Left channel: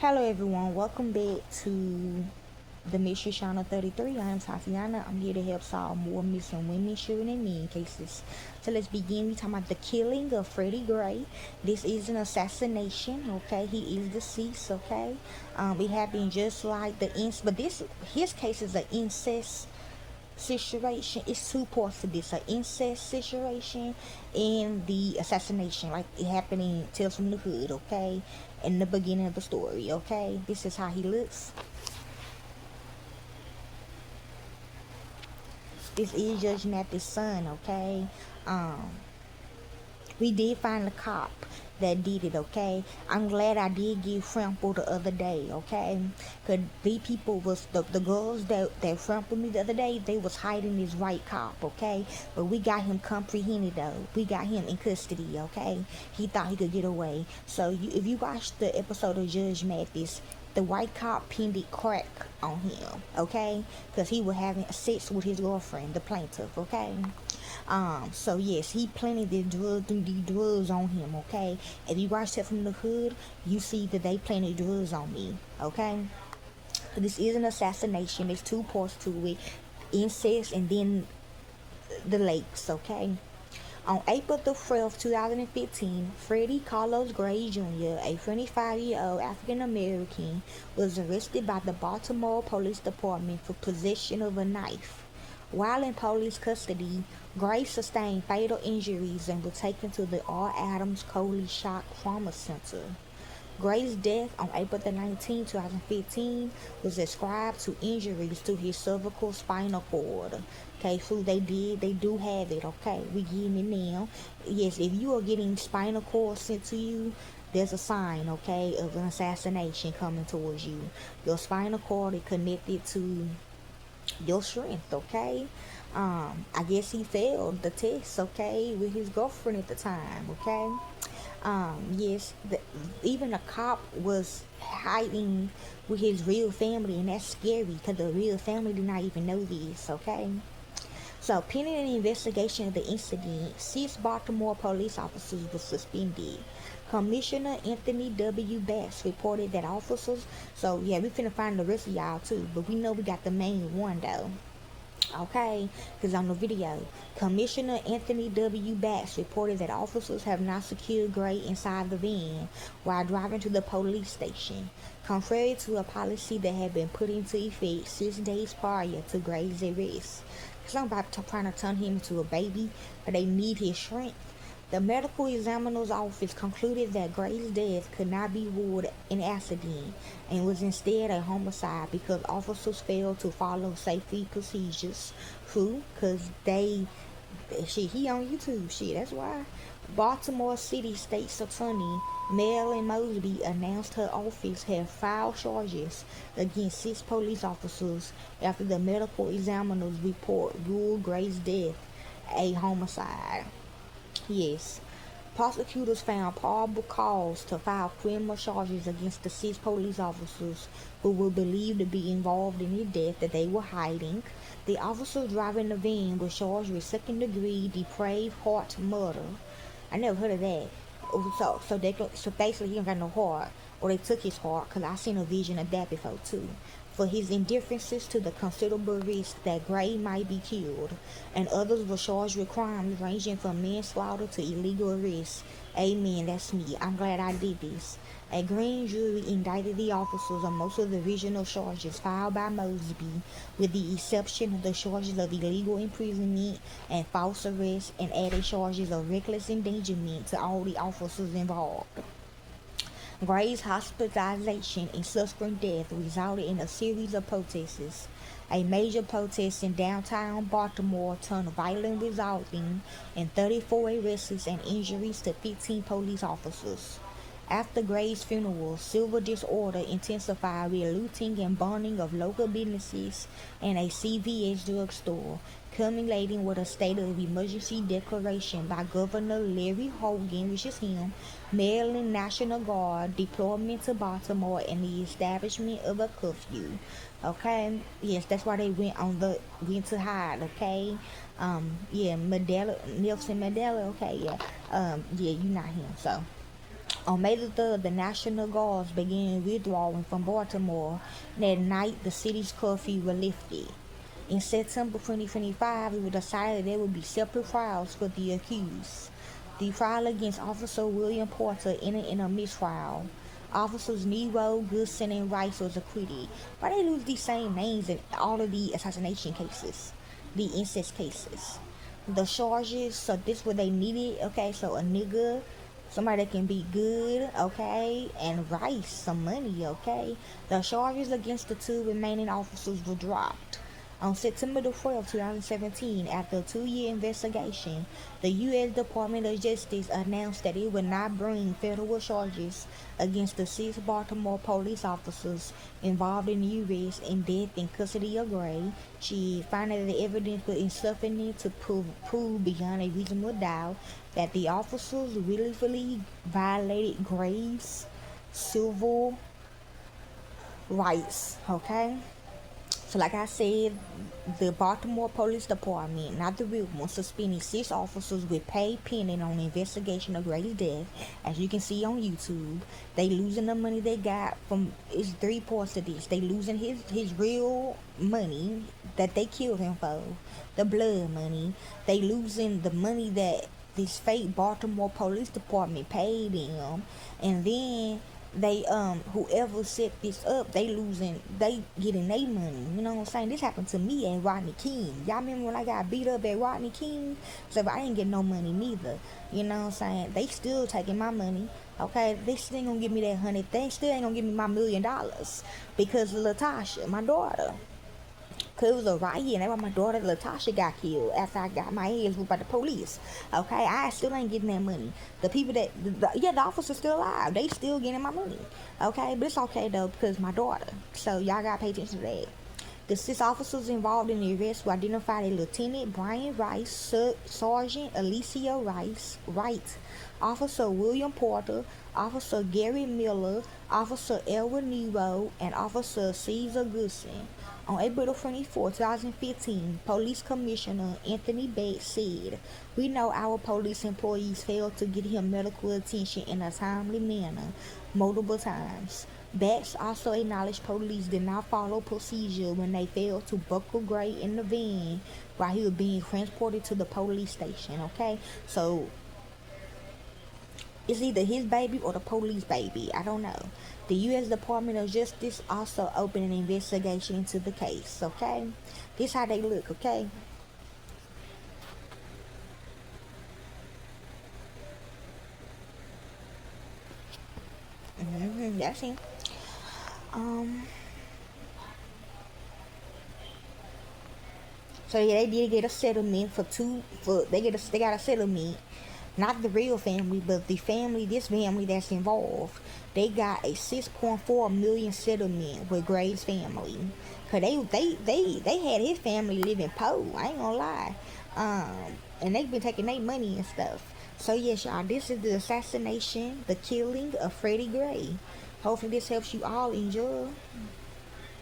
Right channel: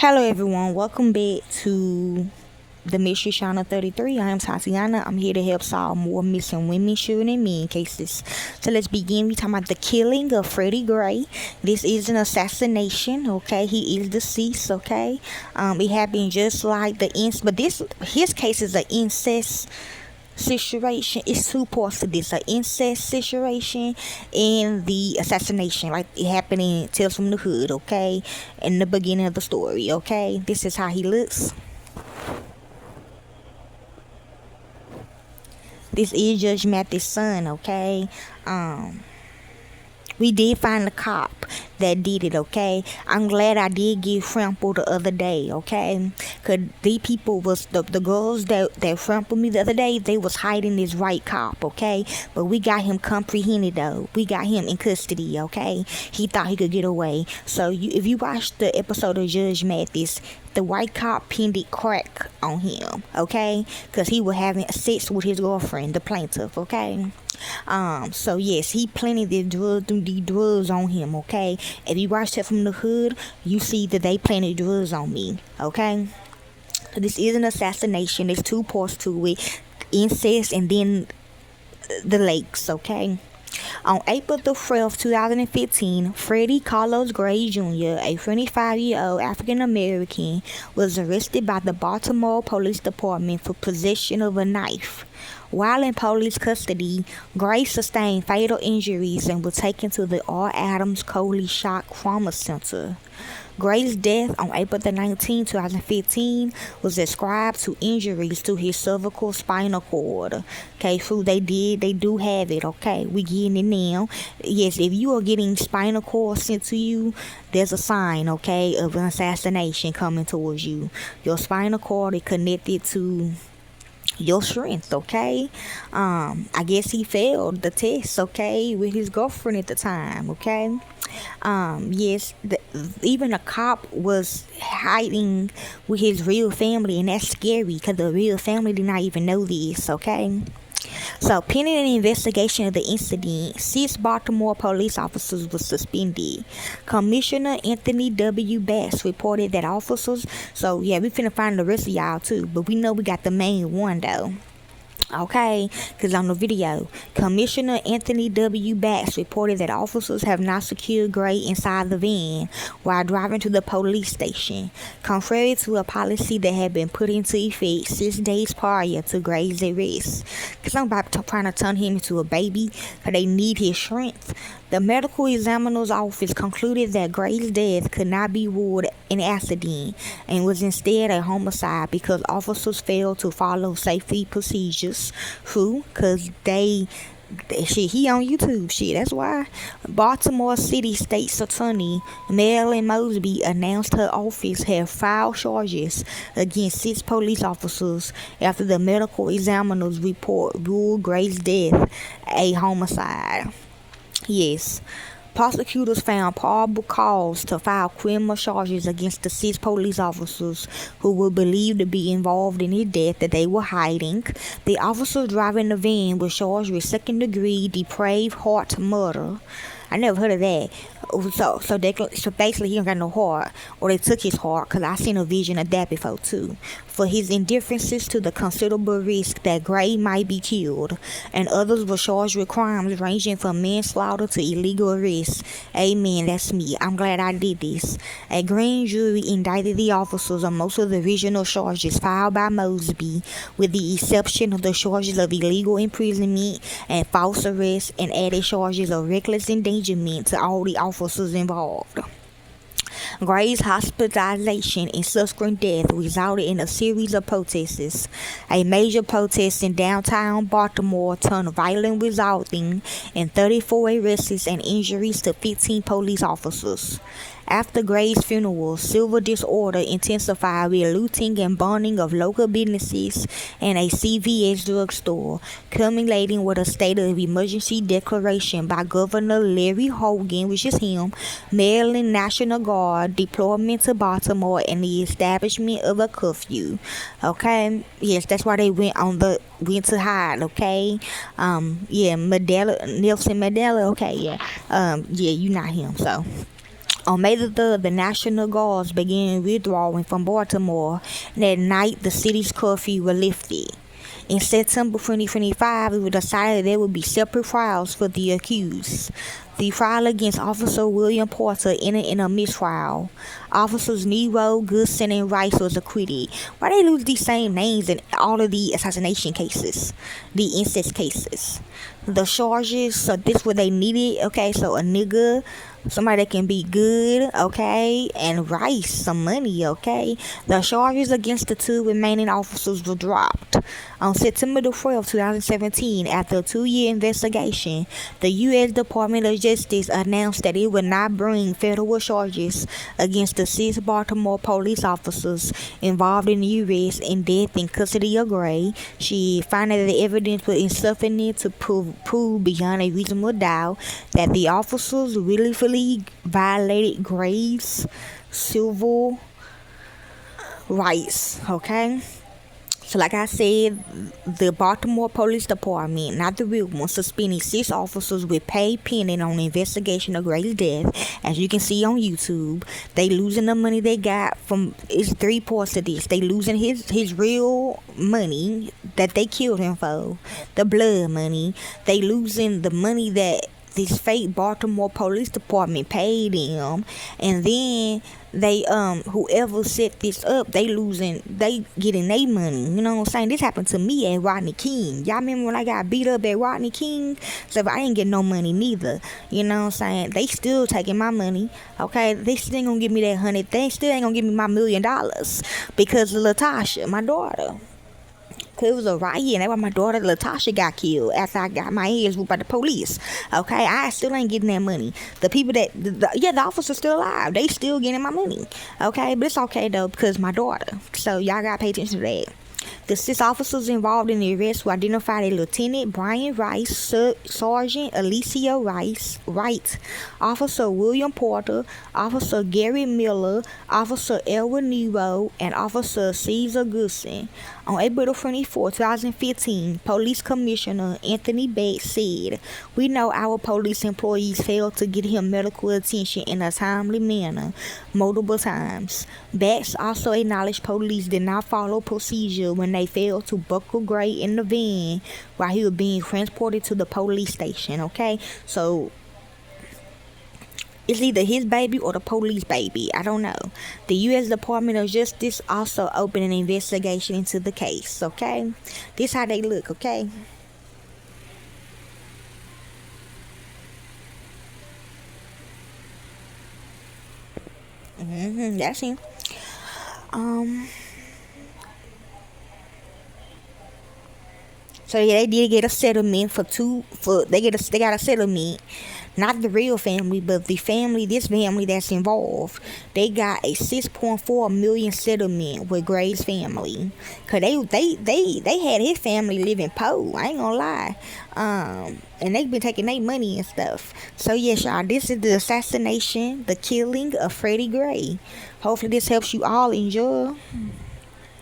Hello everyone, welcome back to the Mystery Channel 33. I am Tatiana. I'm here to help solve more missing women, children, and men cases. So let's begin. We talking about the killing of Freddie Gray. This is an assassination, okay? He is deceased, okay? It happened just like but his case is an incest situation. It's two parts to this: an incest situation and the assassination. Like it happened in Tales from the Hood, okay? In the beginning of the story, okay? This is how he looks. This is Judge Matthew's son, okay? Um, we did find the cop that did it, okay? I'm glad I did get trampled the other day, okay? Cause these people was the girls that trampled me the other day, they was hiding this right cop, okay? But we got him comprehended though. We got him in custody, okay? He thought he could get away. So if you watch the episode of Judge Mathis, the white cop pinned it crack on him, okay? Cause he was having sex with his girlfriend, the plaintiff, okay? So yes, he planted these drugs on him, okay? If you watch that from the hood, you see that they planted drugs on me, okay? So this is an assassination. There's two parts to it: incest and then the lakes, okay? On April the 12th, 2015, Freddie Carlos Gray Jr., a 25-year-old African American, was arrested by the Baltimore Police Department for possession of a knife. While in police custody, Gray sustained fatal injuries and was taken to the R. Adams Coley Shock Trauma Center. Gray's death on April the 19th, 2015 was ascribed to injuries to his cervical spinal cord. Okay, so they do have it, okay? We getting it now. Yes, if you are getting spinal cord sent to you, there's a sign, okay, of an assassination coming towards you. Your spinal cord is connected to your strength, okay? I guess he failed the test, okay, with his girlfriend at the time, okay? Yes, even a cop was hiding with his real family, and that's scary because the real family did not even know this, okay? So, pending an investigation of the incident, 6 Baltimore police officers were suspended. Commissioner Anthony W. Bass reported that officers, so yeah, we finna find the rest of y'all too, but we know we got the main one though. Okay, because on the video, Commissioner Anthony W. Bass reported that officers have not secured Gray inside the van while driving to the police station, contrary to a policy that had been put into effect 6 days prior to Gray's arrest. Because I'm about to trying to turn him into a baby, because they need his strength. The medical examiner's office concluded that Gray's death could not be ruled an accident and was instead a homicide because officers failed to follow safety procedures. Who? Because shit, he on YouTube. Shit, that's why. Baltimore City State's Attorney Marilyn Mosby announced her office had filed charges against 6 police officers after the medical examiner's report ruled Gray's death a homicide. Yes, prosecutors found probable cause to file criminal charges against the 6 police officers who were believed to be involved in his death that they were hiding. The officers driving the van were charged with second-degree depraved heart murder. I never heard of that. So basically he don't got no heart, or they took his heart, because I seen a vision of that before too, for his indifferences to the considerable risk that Gray might be killed, and others were charged with crimes ranging from manslaughter to illegal arrest. Amen, that's me. I'm glad I did this. A grand jury indicted the officers on most of the original charges filed by Mosby, with the exception of the charges of illegal imprisonment and false arrest, and added charges of reckless endangerment to all the officers involved. Gray's hospitalization and subsequent death resulted in a series of protests. A major protest in downtown Baltimore turned violent, resulting in 34 arrests and injuries to 15 police officers. After Gray's funeral, civil disorder intensified with looting and burning of local businesses and a CVS drugstore, culminating with a state of emergency declaration by Governor Larry Hogan, which is him, Maryland National Guard deployment to Baltimore, and the establishment of a curfew. Okay, yes, that's why they went to hide. Okay, Nelson Mandela. Okay, yeah, you're not him, so. On May the 3rd, the National Guards began withdrawing from Baltimore, and at night, the city's curfew was lifted. In September 2025, it was decided there would be separate trials for the accused. The trial against Officer William Porter ended in a mistrial. Officers Nero, Goodson, and Rice was acquitted. Why they lose these same names in all of the assassination cases, the incest cases? The charges, so this what they needed, okay? So a nigga, somebody that can be good, okay, and Rice, some money, okay? The charges against the two remaining officers were dropped. On September the 12th, 2017, after a 2-year investigation, the U.S. Department of Justice announced that it would not bring federal charges against the 6 Baltimore police officers involved in the arrest and death in custody of Gray. She found that the evidence was insufficient to prove beyond a reasonable doubt that the officers willfully violated Gray's civil rights, okay? So like I said, the Baltimore Police Department, not the real one, suspending 6 officers with pay pending on the investigation of Gray's death. As you can see on YouTube, they losing the money they got from, it's 3 parts of this. They losing his real money that they killed him for, the blood money. They losing the money that this fake Baltimore Police Department paid them, and then they whoever set this up, they getting their money. You know what I'm saying? This happened to me at Rodney King. Y'all remember when I got beat up at Rodney King? So I didn't get no money neither. You know what I'm saying? They still taking my money. Okay, they still ain't gonna give me that 100. They still ain't gonna give me my $1 million because of Latasha, my daughter. Cause it was a riot, and that's why my daughter Latasha got killed after I got my ass whooped by the police. Okay, I still ain't getting that money. The people that, the officers still alive. They still getting my money. Okay, but it's okay though because my daughter. So y'all gotta pay attention to that. The 6 officers involved in the arrest were identified as Lieutenant Brian Rice, Sergeant Alicia Wright, Officer William Porter, Officer Gary Miller, Officer Elwin Nero, and Officer Caesar Goodson. On April 24, 2015, Police Commissioner Anthony Bates said, "We know our police employees failed to get him medical attention in a timely manner multiple times." Bates also acknowledged police did not follow procedure when they failed to buckle Gray in the van while he was being transported to the police station, okay? So it's either his baby or the police baby. I don't know. The U.S. Department of Justice also opened an investigation into the case, okay? This how they look, okay? That's him. So yeah, they did get a settlement they got a settlement. Not the real family, but this family that's involved. They got a 6.4 million settlement with Gray's family. Cause they had his family living poor. I ain't gonna lie. And they've been taking their money and stuff. So yes, y'all, this is the assassination, the killing of Freddie Gray. Hopefully this helps you all enjoy.